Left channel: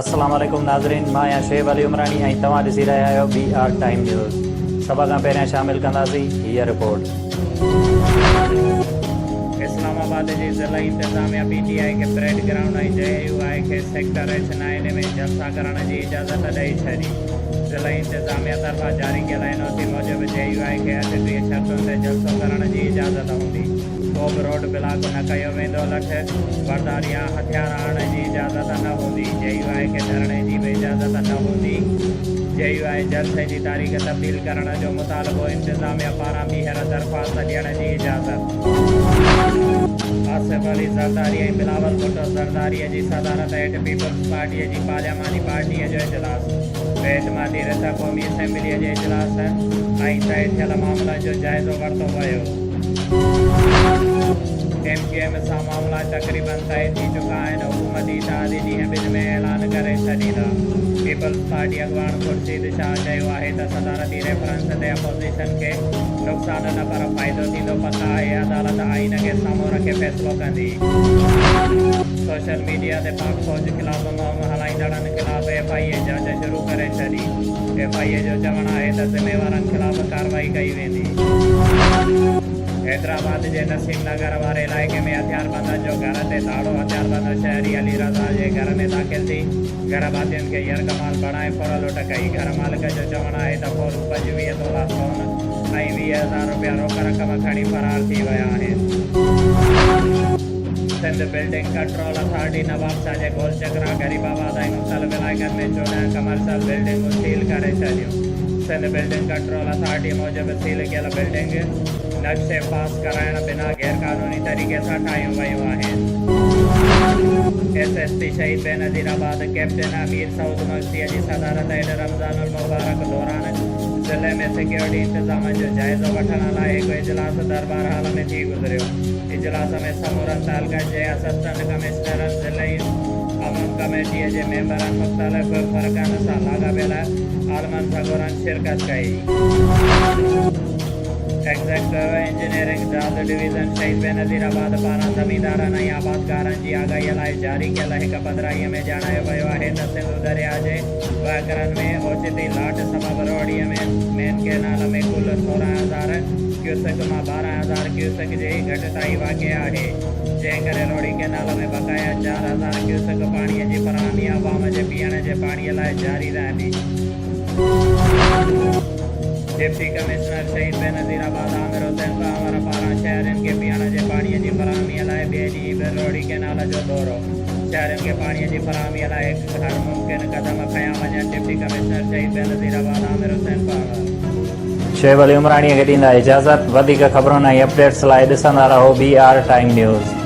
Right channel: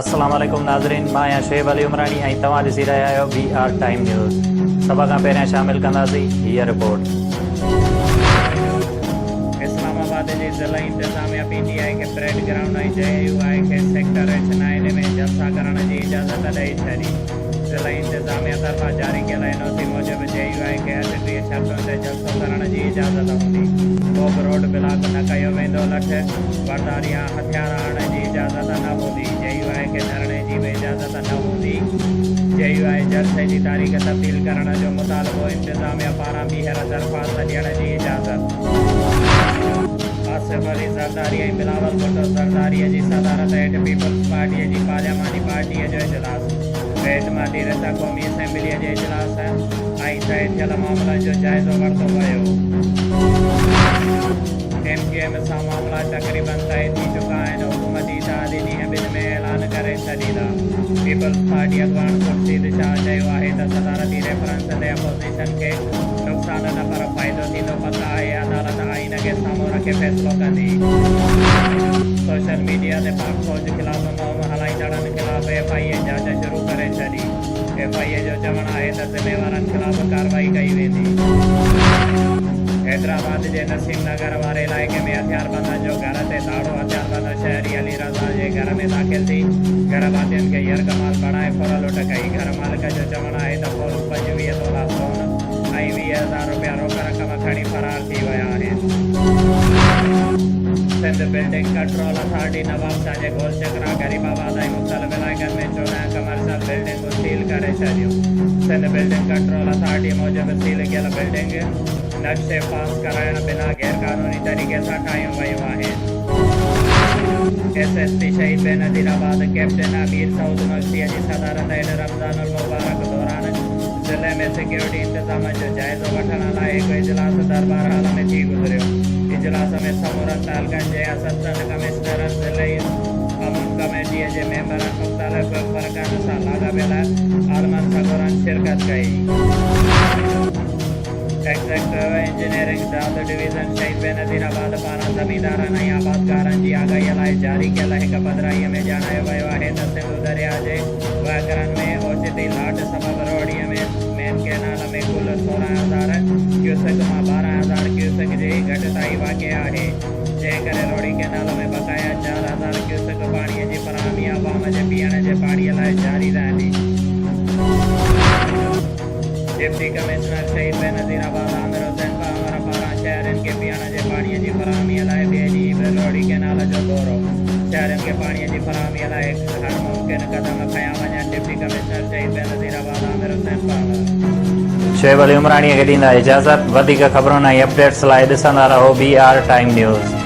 अस्सलाम वालेकुम नाज़रीन, मां आहियां शुएब अली उमरानी ऐं तव्हां ॾिसी रहिया आहियो BR टाइम न्यूज़। सभ खां पहिरियां शामिल कंदासीं हीअ रिपोर्ट। इस्लामाबाद जी ज़िला इंतिज़ामिया PTI खे परेड ग्राउंड ऐं JUI खे सेक्टर H9 में जलसा करण जी इजाज़त ॾेई छॾी। ज़िला इंतिज़ामिया तरफ़ां जारी कयल NOC मूजिबि JUI खे 38 शर्तुनि ते जलसो करण जी इजाज़त हूंदी। को बि रोड ब्लॉक न कयो वेंदो, लठ बरदार या हथियार आणण जी इजाज़त न हूंदी। JUI खे धरणे जी बि इजाज़त न हूंदी। JUI जलसे जी तारीख़ तब्दील करण जो मुतालबो इंतिज़ामिया पारां ॿीहर दरख़्वास्त ॾियण जी इजाज़त। आसिफ अली ज़रदारी ऐं बिलावल भुट्टो ज़रदारीअ जी सदारत हेठि पीपल्स पार्टीअ जी पार्लियामानी पार्टीअ जो इजलास, बेइतमादी रिथ क़ौमी असेंबलीअ जे इजलास ऐं तइ थियल मामलनि जो जाइज़ो वरितो वियो। MQM सां मामला तक़रीबन तइ थी चुका आहिनि। हुकूमती इत्तेहादी ॾींहं ॿिनि में ऐलान करे छॾींदा। पीपल्स पार्टी अॻवान खुर्शीद शाह चयो आहे त सदारती रेफरेंस ते अपोज़िशन खे नुक़सान न पर फ़ाइदो थींदो। पक आहे अदालत आइन खे साम्हूं रखे फ़ैसिलो कंदी। सोशल मीडिया ते पाक फ़ौज ख़िलाफ़ मुहिम हलाईंदड़नि ख़िलाफ़ FIA जांच शुरू करे छॾी। FIA जो चवणु आहे त ज़िम्मेवारनि ख़िलाफ़ कार्रवाई कई वेंदी। हैदराबाद जे नसीम नगर वारे इलाइक़े में हथियारबंदनि जो घर ते ताड़ो। हथियारबंद शहरी अली रज़ा जे घर में दाख़िल थी घर भातियुनि खे यरगमाल बणाए फुर लुट कई। घर मालिक जो चवणु आहे त पोइ 25 तोला सोन ऐं 20,000 रुपया रोक रक़म खणी फरार थी विया आहिनि। Sindh building control authority Nawab शाह जे गोलचक्रा, गरीबाबाद ऐं मुख़्तलिफ़ इलाइक़नि में 14 कमर्शियल बिल्डिंगूं सील करे छॾियूं। सिंध बिल्डिंग कंट्रोल अथॉरिटी मूजिबि सील कयल बिल्डिंग नक्शे पास कराइण बिना गैरक़ानूनी तरीक़े सां ठाहियूं वयूं आहिनि। SSP शहीद बेनज़ीराबाद कैप्टन अमीर सऊद मक्सीअ जी सदारत हेठि रमज़ानुल मुबारक दौरान ज़िले में सिक्योरिटी इंतिज़ामनि जो जाइज़ो वठण लाइ हिकु इजलास दरबार हाल में थी गुज़रियो। इजलास में समूरनि तालुक़नि जे असिस्टेंट कमिश्नरनि, ज़िले अमन कमेटीअ जे मेंबरनि, मुख़्तलिफ़ फ़र्क़नि सां लाॻापियल आलमनि सगोरनि शिरकत कई। एग्ज़ेक्टिव इंजीनियरिंग दाद डिवीज़न शहीद बेनज़ीराबाद पारां ज़मींदारनि ऐं आबादकारनि जी आगाहीअ लाइ जारी कयल हिकु पधिराईअ में ॼाणायो वियो आहे त सिंधु दरिया जे वहकरनि में ओचिती लाट सबबि रोहड़ीअ में मेन कैनाल में कुल 16,000 क्यूसेक मां 12,000 क्यूसेक जी घटिताई वाक़ई आहे, जंहिं करे रोहड़ी कैनाल में बक़ाया 4,000 क्यूसेक पाणीअ जी फ़राहमी आवाम जे पीअण जे पाणीअ लाइ जारी रहंदी। डिप्टी कमिश्नर शहीद बेनज़ीराबाद आमिर हुसैन पावर पारां शहरनि खे पीअण जे पाणीअ जी फ़राहमीअ लाइ ॿिए ॾींहुं बि रोहड़ी कैनाल जो दौरो। शहरनि खे पाणीअ जी फ़राहमीअ लाइ हर मुमकिन क़दम खयां वञनि। डिप्टी कमिश्नर शहीद बेनज़ीराबाद आमिर हुसैन पावर। शुएब अली उमरानी खे ॾींदा इजाज़त। वधीक ख़बरुनि ऐं अपडेट्स लाइ ॾिसंदा रहो BR टाइम न्यूज़।